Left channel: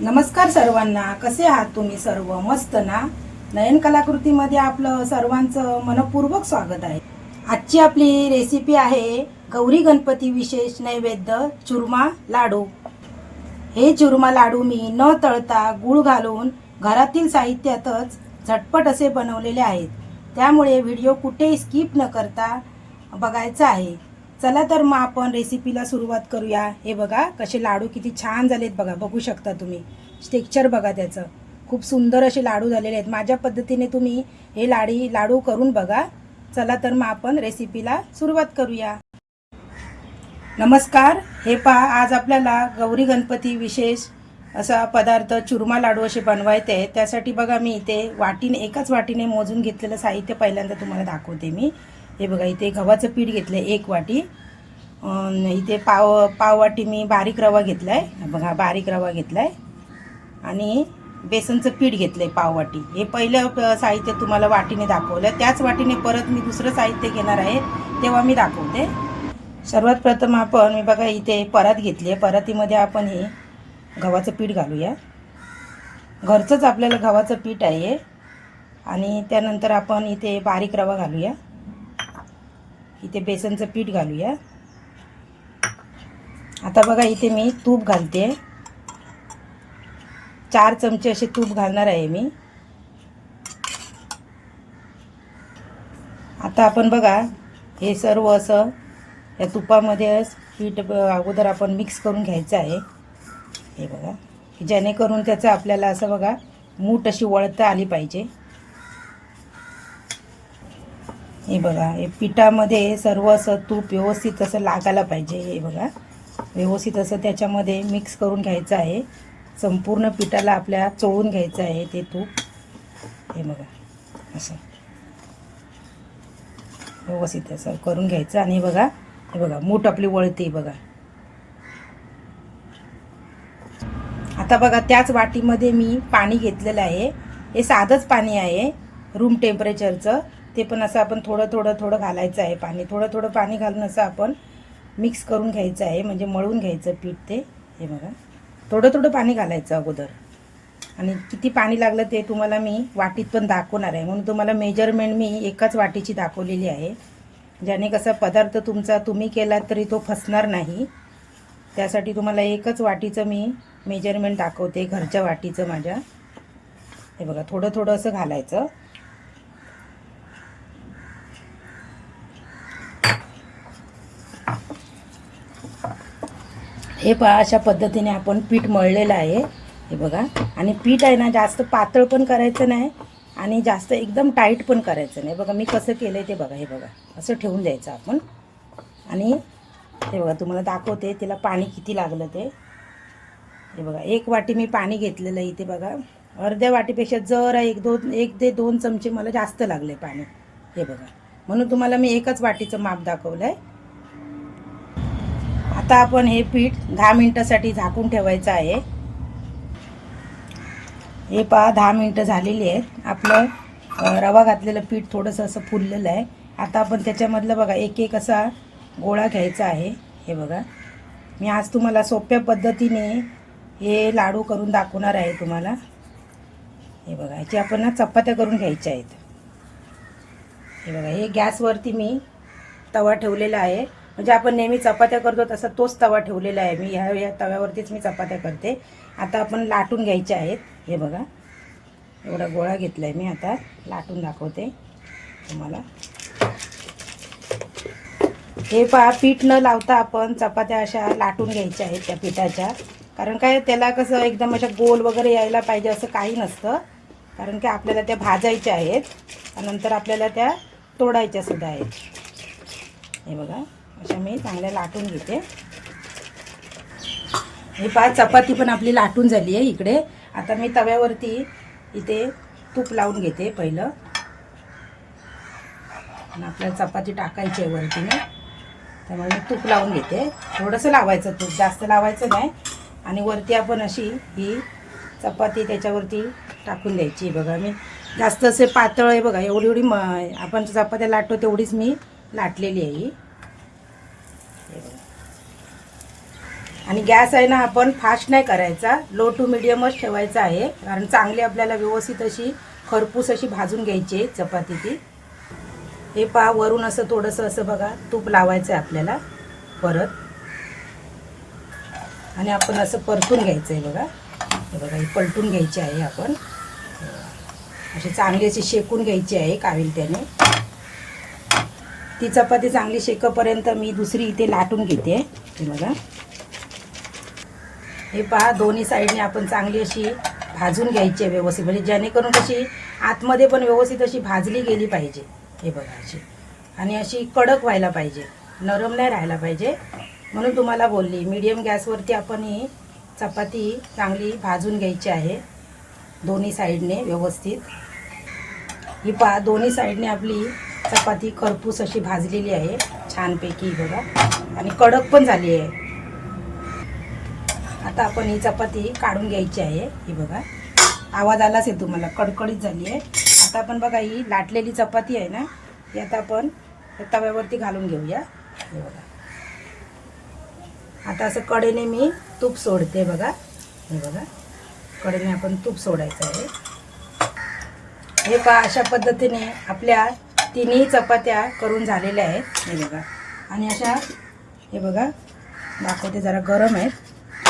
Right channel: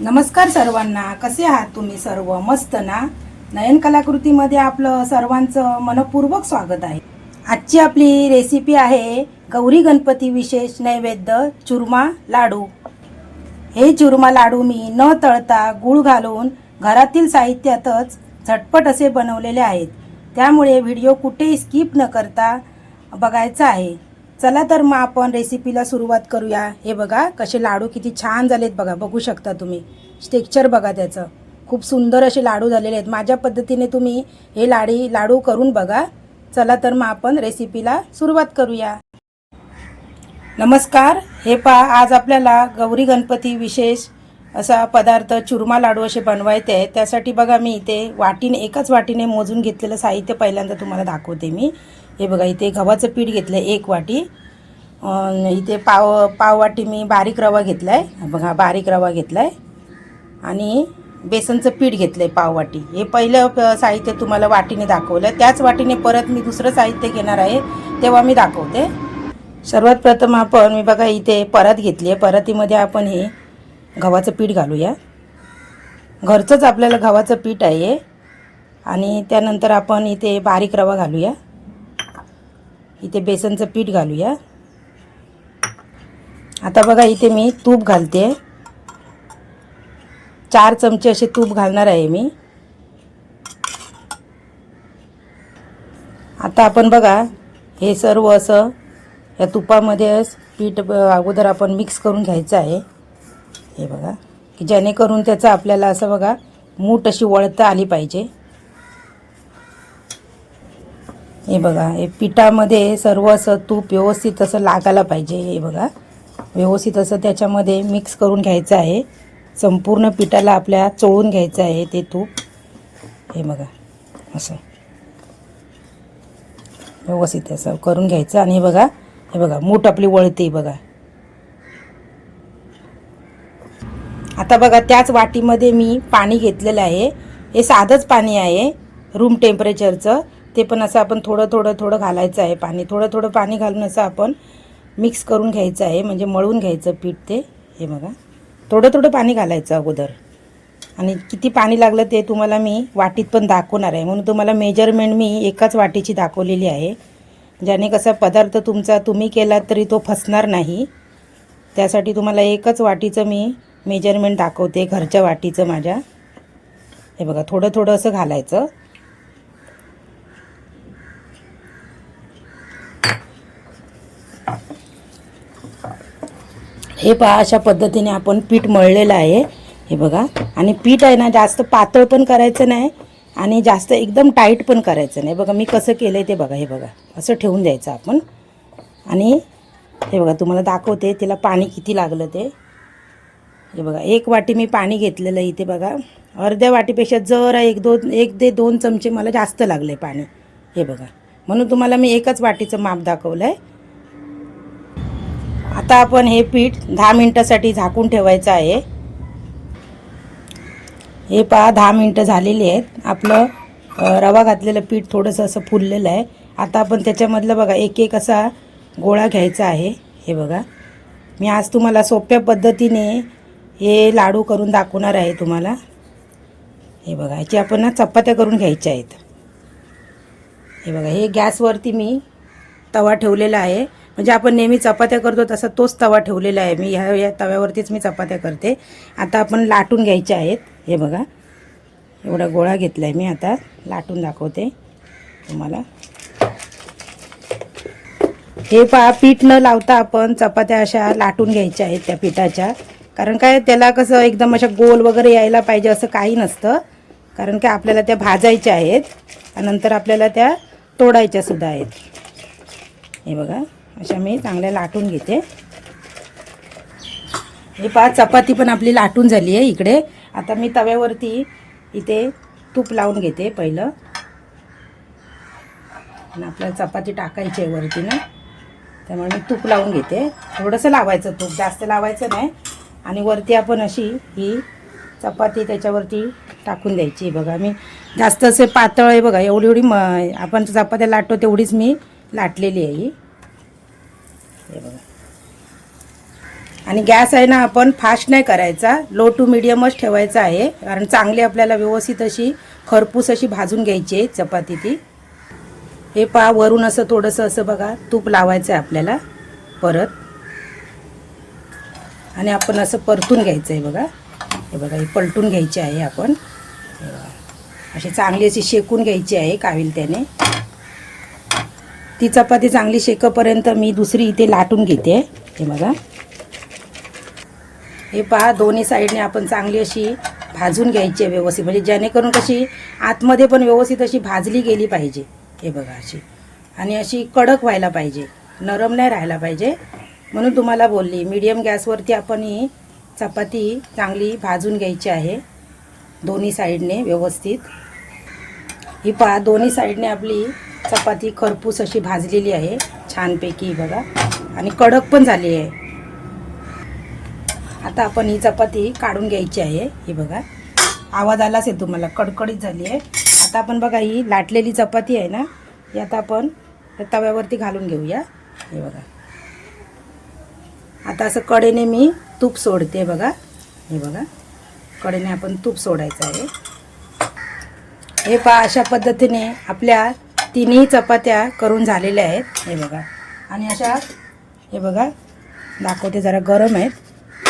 नमस्कार सर्वांना. कसे आहात तुम्ही सर्व? मस्त ना? नयन कलाकृतीमध्ये आपलं सर्वांचं मनपूर्वक स्वागत आहे. आजची आपली रेसिपी आहे गौरी गणपती विशेष नैवेद्य चुरमा लाडू. हे चुरमा लाडू मी न तळता गूळ घालून घरातील साहित्यातच झटपट असे बनवलेले आहेत. त्यामुळे व्हिडिओ कुठेही स्किप न करता बघायचा आहे. चला तर मग आपण रेसिपीला सुरुवात करूया. हे बघा कसे लाडू किती छान झालेत बघा बघू शकता तुम्ही. टेक्चर बघा त्याचं. खूप सुंदर असे लाडू झालेले आहेत. माझ्या पद्धतीने तुम्ही हे लाडी लाडू करून बघा. चला तर मग आपण रेसिपीला सुरुवात करूया. नमस्कार. हे पहा आज आपल्याला गौरी गणपती विशेष असा पदार्थ चुरमा लाडू असे बनवायचे आहेत. त्यासाठी बघा मी इथे वाटीने एकाच वाटीने मोजून घेतलेलं साहित्य पहिल्यांदा तुम्हाला दाखवते मी. हे बघा इथे गव्हाचं पीठ घेतलं आहे एक वाटी. इथे पाव पाववाटी मी बारीक रवा घेतला आहे बघा बारीक रवा घेतला आहे आणि बेसनचं पीठ घेतलं आहे पाववाटी हे पहिलं प- साहित्य तुम्हाला वाटीने दाखवलं. त्याच वाटीने परत मी दुसरं साहित्य घेणार आहे तेव्हा मी दाखवते. सर्वात प्रथम आपण मी बघा इथे परत घेतली आहे. परतीमध्ये आपण हे गव्हाचं पीठ घालूया. घरचंच आपल्याला गव्हाचं पीठ आहे आणि त्यानंतर आपण इथे बारीक रवा घालूया. इथे बेसनचं पीठ घालूया. आता बघा इथे मी तूप घालते. चार चमचे असे तूप घालणार आहे मी. आता आपण बघा हे सर्व असं या तुपामध्ये पीठ अगोदर आपण मिक्स करून घ्यायचं आहे. हे बघा की जेणेकरून त्याचं आपल्याला असं बघा मूठ अशी वळता आली पाहिजे. हे बघा हे पिठामध्ये सर्व असं तूप व्यवस्थित असं लागायला पाहिजे हे बघा. व्यवस्थित असं त्याच्यामध्ये मिक्स करून घ्यायचं आहे. संपूर्ण पिठाला आपल्या चोळून घ्यायचं आहे ते तूप. हे बघा असं. व्यवस्थित असं करून घ्यायचं आणि हे बघा हे बघा मूठ आपली वळते बघा. आता बघा त्याच वाटीमध्ये मी पाणी घेतलेलं आहे. हे साधंच पाणी आहे रूम टेम्परेचरचं ते पण असं आपण थोडं थोडं थोडं घालायचं आहे पाणी. थोडं थोडं पाणी घालून असं आपण मिक्स करून घ्यायचं आहे. म्हणजे मळून घ्यायचं पीठ ते. हे बघा. थोडं थोडं पाणी घालायचं अगोदर. आणि किती पाणी लागलं ते तुम्हाला मी वाटीत पण दाखवणार आहे. म्हणून तुम्हाला मेजरमेंट मी एकाच वाटीची दाखवलेली आहे. ज्याने कसा पदार्थ तुमचा तुम्ही केला तरी तो फसणार नाही. त्यासाठी तुम्हाला एकच वाटीचं मी मेजरमेंट दाखवते. घरच्या वाटीचं माझ्या. हे बघा थोडं थोडं असं घालायचं. हे पहा अशा पद्धतीने आपण पीठ मळलेलं आहे. हे बघा. आणि पीठ आहे ना जास्त पातळ पण करायचं नाही आणि जास्त एकदम टाईट पण करायचं नाही. बघा मी कसं केलं आहे ते बघा हे बघा. असं ठेवून द्यायचं आपण. आणि हे बघा तुम्हाला दाखवते तिला पाणी किती लागलं ते. हे बघा एक वाटी मी पाणी घेतलेलं इथे बघा. अर्ध्या वाटीपेक्षा जरा एक दोन एक ते दोन चमचे मला जास्त लागले पाणी. हे बघा. म्हणून तुम्हाला मी एकच वाटीचं माप दाखवलं आहे आता आपण हे पीठ दहा मिनटासाठी झाकून ठेवायचं आहे. हे पहा दहा मिनटं झालेली आहेत. आपलं रवा घातलेलं पीठ थोडंसं असं फुललेलं आहे. आता आपण त्याच्यामधलं बघा एक एक असा गोळा घ्यायचा आहे. हे बघा. मी आज तुम्हाला सोप्या पद्धतीने हे लाडू करून दाखवणार आहे तुम्हाला. हे बघा ह्याची आपण ना चपात्या करून घ्यायच्या आहेत. हे बघा हे गॅसवरती मी तवा ठेवलेला आहे. म्हणजे आपण नेहमी चपात्या करतो तसा तोच तवा ठेवलेला आहे मी. ह्या या तव्यावरतीच मी चपात्या करते. आता आपण लाटून घ्यायचे आहेत. हे बघा. एवढा गोळा घेतला आहे मी आता. लाटून दाखवते तुम्हाला. हे पहा पीठ न लावता आपण चपात्या अशा लाटून घ्यायच्या आहेत त्या पिठाच्या. कारण काय त्याला कसं एकदम अशा गोल वगैरे यायला पाहिजे असं काही नसतं. कारण काय आपल्याला त्या भाजायच्या आहेत. नंतर आपल्याला त्या तोडायच्या सुद्धा आहेत. हे बघा. अशा मी चांगल्या लाटून घेते. हे पहा चपाती पण आपली लाटून झाली आहे इकडे. आता मी तव्यावरती इथे तूप लावून घेते पहिलं. आणि आपल्याला चपाती टाकायची आहे वरती ना त्यामुळे मी तूप लावून घेते. थोडंसं लावायचं तूप जास्त लावायचं नाही. आणि वरती आपण अशी ही चपाती त्याच्यावरती टाकून द्यायची बघा मी जास्त असे पातळ आहे बघा एवढी एवढी म आपण चपात्या लाटतो तेवढीच मी लाटलेली आहे ही. हे बघा. आणि गॅस आहे ना आपण फास्ट नाही करायचा. लो टू मिडियमच ठेवायचा आहे. कारण चांगली आपल्याला व्यवस्थित अशी खरपूस अशी भाजून घ्यायची आहे चपाती ती. हे पा वरून असं थोडंसं असं बघा तूप लावायचं आहे आपल्याला परत. आणि आपण असं परतून घ्यायचं आहे बघा. हे बघा हे पलटून घ्यायचे आहे आपण. अशी चांगली अशी शेकून घ्यायची आहे काविल त्याने ती चपाती चांगली शेकपर्यंत मी दुसरी इथे लाटून घेते. हे बघा. हे पहा दोन्ही साईडने आपण चांगली अशी भाजून घ्यायची आहे व्यवस्थित. म्हणजे जेणेकरून कशी आतमध्ये पण व्यवस्थित अशी भाजली गेली पाहिजे. हे बघा अशी. आणि अशी कडक व्हायला पाहिजे. नरम नाही राहायला पाहिजे. म्हणून तुम्हाला बोलली मीडियम गॅसवरती आपण ही चपाती चांगली भाजून घ्यायची आहे. दोन्ही साईडने व्यवस्थित. ही पहा दोन्ही साईडने आपली चपाती खरपूस अशी भाजलेली आहे. छानपैकी बघा. आणि कडक पण झाली आहे. आता आपण ही चपाती काढून घ्यायची आहे. ही बघा. आवाज आलाच आहे तुम्हाला. कडकडीत झाली आहे. आता आपण बघा ही लाटलेली चपाती आहे ना ही आता आपण तव्यावरती घालून घेऊया. हे बघा. आता असं कडेने मी तूप सोडते बघा. हे बघा. कडेने आपण तूप सोडायचं आहे. हे पहा अशा पद्धतीने आपल्या तिन्ही चपात्या करून झालेल्या आहेत. हे बघा. आणि अशा हे बघा. दाखवते जरा गरम आहेत.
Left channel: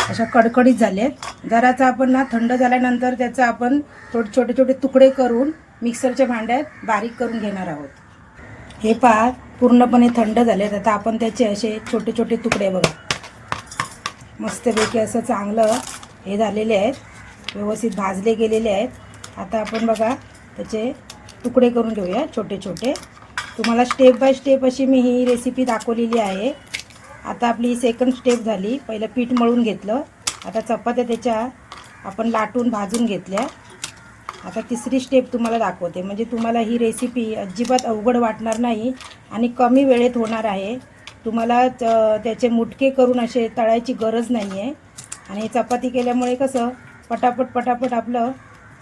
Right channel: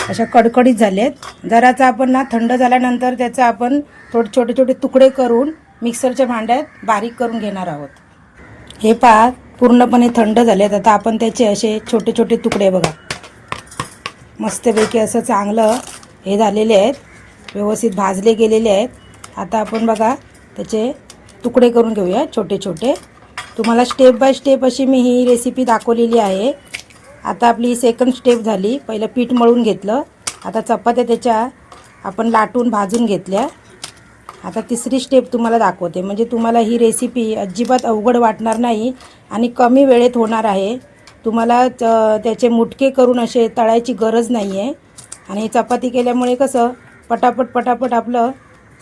अशा कडकडीत झाले आहेत. जराचा आपण ना थंड झाल्यानंतर त्याचं आपण थोडे छोटे छोटे तुकडे करून मिक्सरच्या भांड्यात बारीक करून घेणार आहोत. हे पहा पूर्णपणे थंड झाले आहेत. आता आपण त्याचे असे छोटे छोटे तुकडे बघा. मस्तपैकी असं चांगलं हे झालेले आहेत. व्यवस्थित भाजले गेलेले आहेत. आता आपण बघा त्याचे तुकडे करून घेऊया छोटे छोटे. तुम्हाला स्टेप बाय स्टेप अशी मी ही रेसिपी दाखवलेली आहे. आता आपली सेकंड स्टेप झाली. पहिलं पीठ मळून घेतलं. आता चपात्या त्याच्या आपण लाटून भाजून घेतल्या. आता तिसरी स्टेप तुम्हाला दाखवते. म्हणजे तुम्हाला ही रेसिपी अजिबात अवघड वाटणार नाही आणि कमी वेळेत होणार आहे. तुम्हाला त्याचे मुटके करून असे तळायची गरज नाही आहे आणि चपाती केल्यामुळे कसं पटापट पटापट आपलं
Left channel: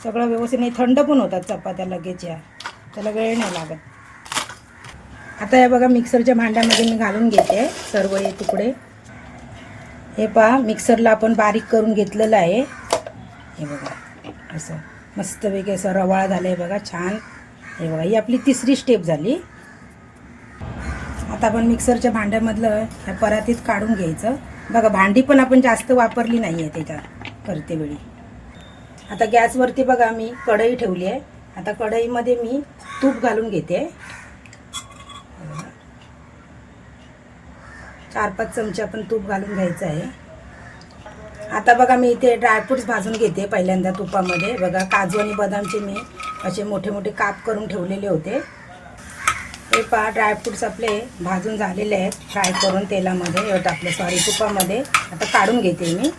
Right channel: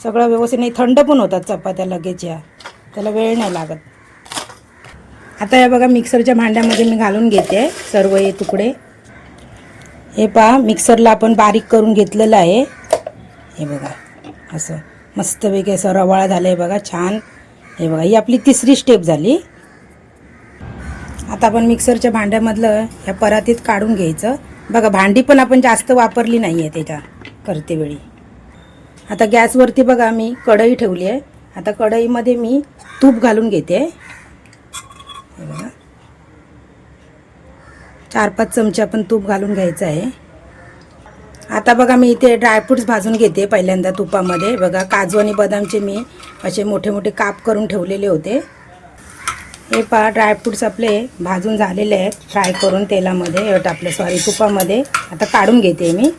सगळं व्यवस्थित नाही थंड पण होतात चपात्या लगेच या. त्याला वेळ नाही लागत. आता हे बघा मिक्सरच्या भांड्यामध्ये मी घालून घेते सर्व हे तुकडे. हे पहा मिक्सरला आपण बारीक करून घेतलेलं आहे. हे बघा असं मस्तपैकी असं रवाळा झालं आहे बघा छान. हे बघा ही आपली तिसरी स्टेप झाली. आता आपण मिक्सरच्या भांड्यामधलं ह्या परातीत काढून घ्यायचं. बघा भांडी पण आपण जास्त वापरली नाही आहे त्याच्या करते वेळी आता गॅसवरती बघा मी कढई ठेवली आहे. आता कढईमध्ये मी तूप घालून घेते. चार पाच चमचे आपण तूप घालून घ्यायचं आहे. आता बघा मी इथे ड्रायफ्रुट्स भाजून घेते पहिल्यांदा तुपामध्ये. बघा काजू आणि बदामचे मी असे मोठे मोठे काप करून ठेवलेले होते. हे पहा ड्रायफ्रुट्स आपले भाजून झालेले आहेत. फ्राय करून तेलामध्ये आपलं सॉरी तुपामध्ये. आता काढून घेते मी.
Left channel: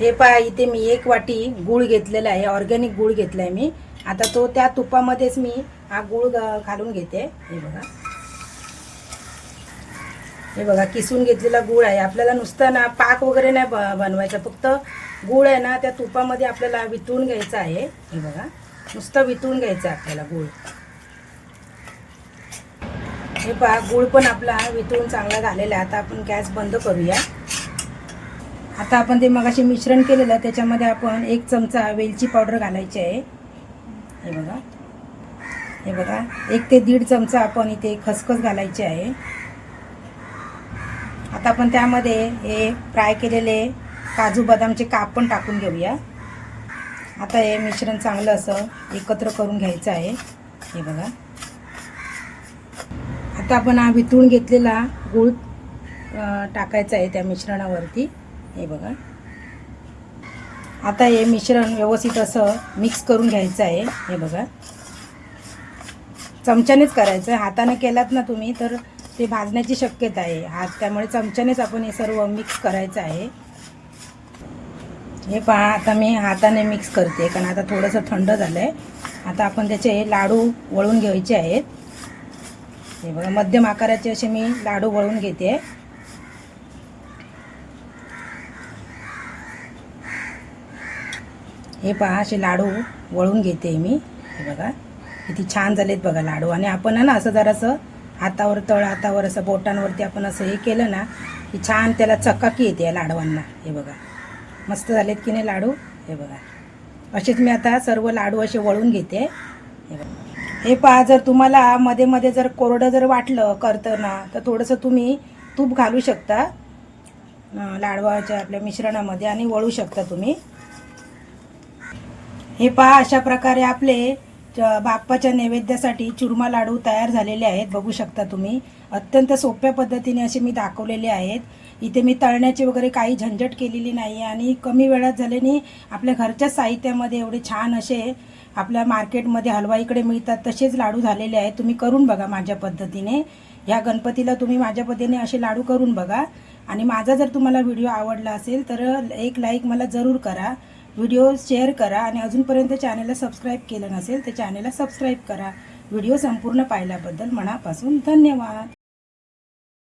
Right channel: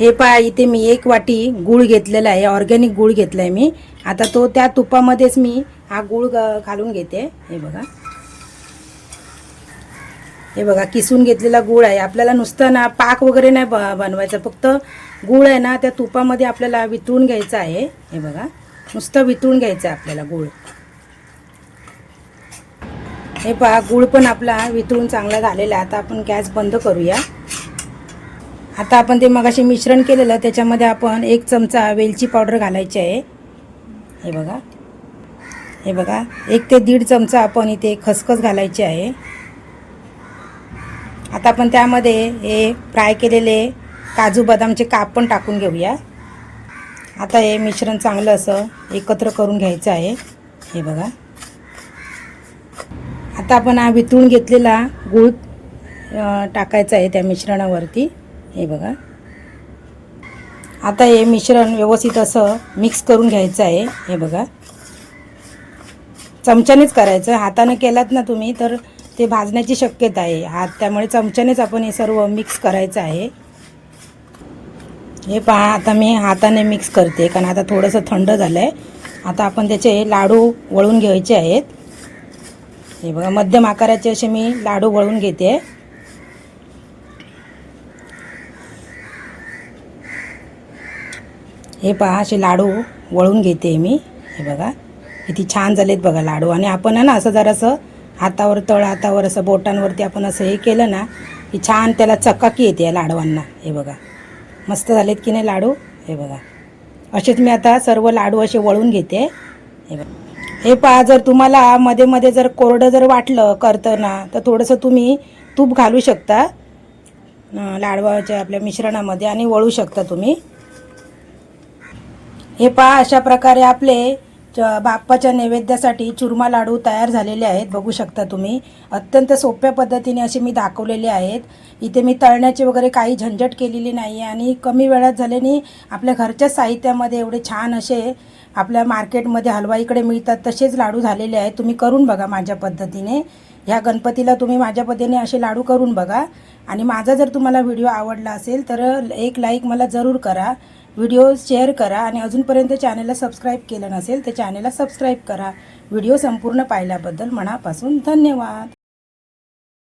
हे पहा इथे मी एक वाटी गूळ घेतलेला आहे ऑर्गॅनिक गूळ घेतला आहे मी. आता तो त्या तुपामध्येच मी हा गूळ घालून घेते. हे बघा. हे बघा किसून घेतलेला गूळ आहे. आपल्याला नुसतं ना पाक वगैरे नाही ब- बनवायचं. फक्त गूळ आहे ना त्या तुपामध्ये आपल्याला वितळून घ्यायचं आहे. हे बघा. नुसतं वितळून घ्यायचं आहे आपल्याला गूळ. हे पहा गूळ पण आपला वितळून चांगला झालेला आहे. आता आपण गॅस बंद करूया. आता आपण ते मगाशी मिश्रण केलेलं त्याच्यामध्ये आपण एक चमचा वेलची पावडर घालायची आहे. हे बघा. हे बघा. एक ते दीड चमचा आपण इथे खसखस घालायची आहे. आता आपण त्यामध्ये हे फ्राय केलेले काजू बदामचे काप पण टाकून घेऊया. आता हे मिश्रण चांगलं असं एकत्र करून घ्यायचं आहे. हे बघा. आता आपण हा वितळून घेतलेला गूळ टाकायचा आहे त्या मिश्रणावरती. हे बघा. आता हे मिश्रण व्यवस्थित असं मिक्स करून घ्यायचं आहे. हे बघा. चमच्यानेच करायचं. हाताने केलात ना तुम्ही तर ते भाजण्याची शक्यता आहे. हात त्यामुळे चमच्यानेच आपण हे सर्व मिक्स करायचं आहे. हे पहा आता मी हाताने मिक्स करते कारण आता थोडंसं थंड झालं आहे आता आपण त्याचे लाडू वळून घ्यायचे आहेत. हे बघा मध्यम आकाराचे असे मी लाडू वळून घेते. हे पहा असे लाडू वळून घेते मी. हे बघा किती छान झालेत बघा लाडू. आणि आपण आहे ना असं जरासं हातावर तळ हातावर असं बोटांवरती आपण असं हे केलं ना की छान त्याला चकाकी येते या लाडवांना. हे बघा मस्त झालेत की नाही लाडू? हे बघा असेच मी आता सर्व लाडू असे वळून घेते. हे बघा. हे पहा जर तुम्हाला मध्ये मध्ये जर कोरडं जर वाटलं करताना तर थोडंसं तुम्ही तूप घालू शकता लाडवाच्या आपल्या मिश्रणामध्ये आणि वळू शकता तुम्ही. हे पहा अशा प्रकारे आपले च- बाप्पाच्या नैवेद्यासाठी चुरमा लाडू तयार झालेले आहेत. बघू शकता तुम्ही. अत्यंत सोप्या पद्धतीने असे मी दाखवलेले आहेत. इथे मी तळण्याची वगैरे काही झंझट केलेली नाही आहे आणि कमी वेळात झाल्याने आपल्या घरच्या साहित्यामध्ये एवढे छान असे आपल्या मार्केटमध्ये हलवाईकडे मिळतात तसेच लाडू झालेले आहेत. तुम्ही करून बघा माझ्या पद्धतीने. ह्या गणपतीला तुम्ही माझ्या पद्धतीने असे लाडू करून बघा. आणि माझा जर तुम्हाला व्हिडिओ आवडला असेल तर एक लाईक मला जरूर करा. व्हिडिओ शेअर करा आणि अजूनपर्यंत चॅनलला सबस्क्राईब केलं नसेल तर चॅनलला सबस्क्राईब करा. व्हिडिओ संपूर्ण पाहिल्याबद्दल मनापासून धन्यवाद.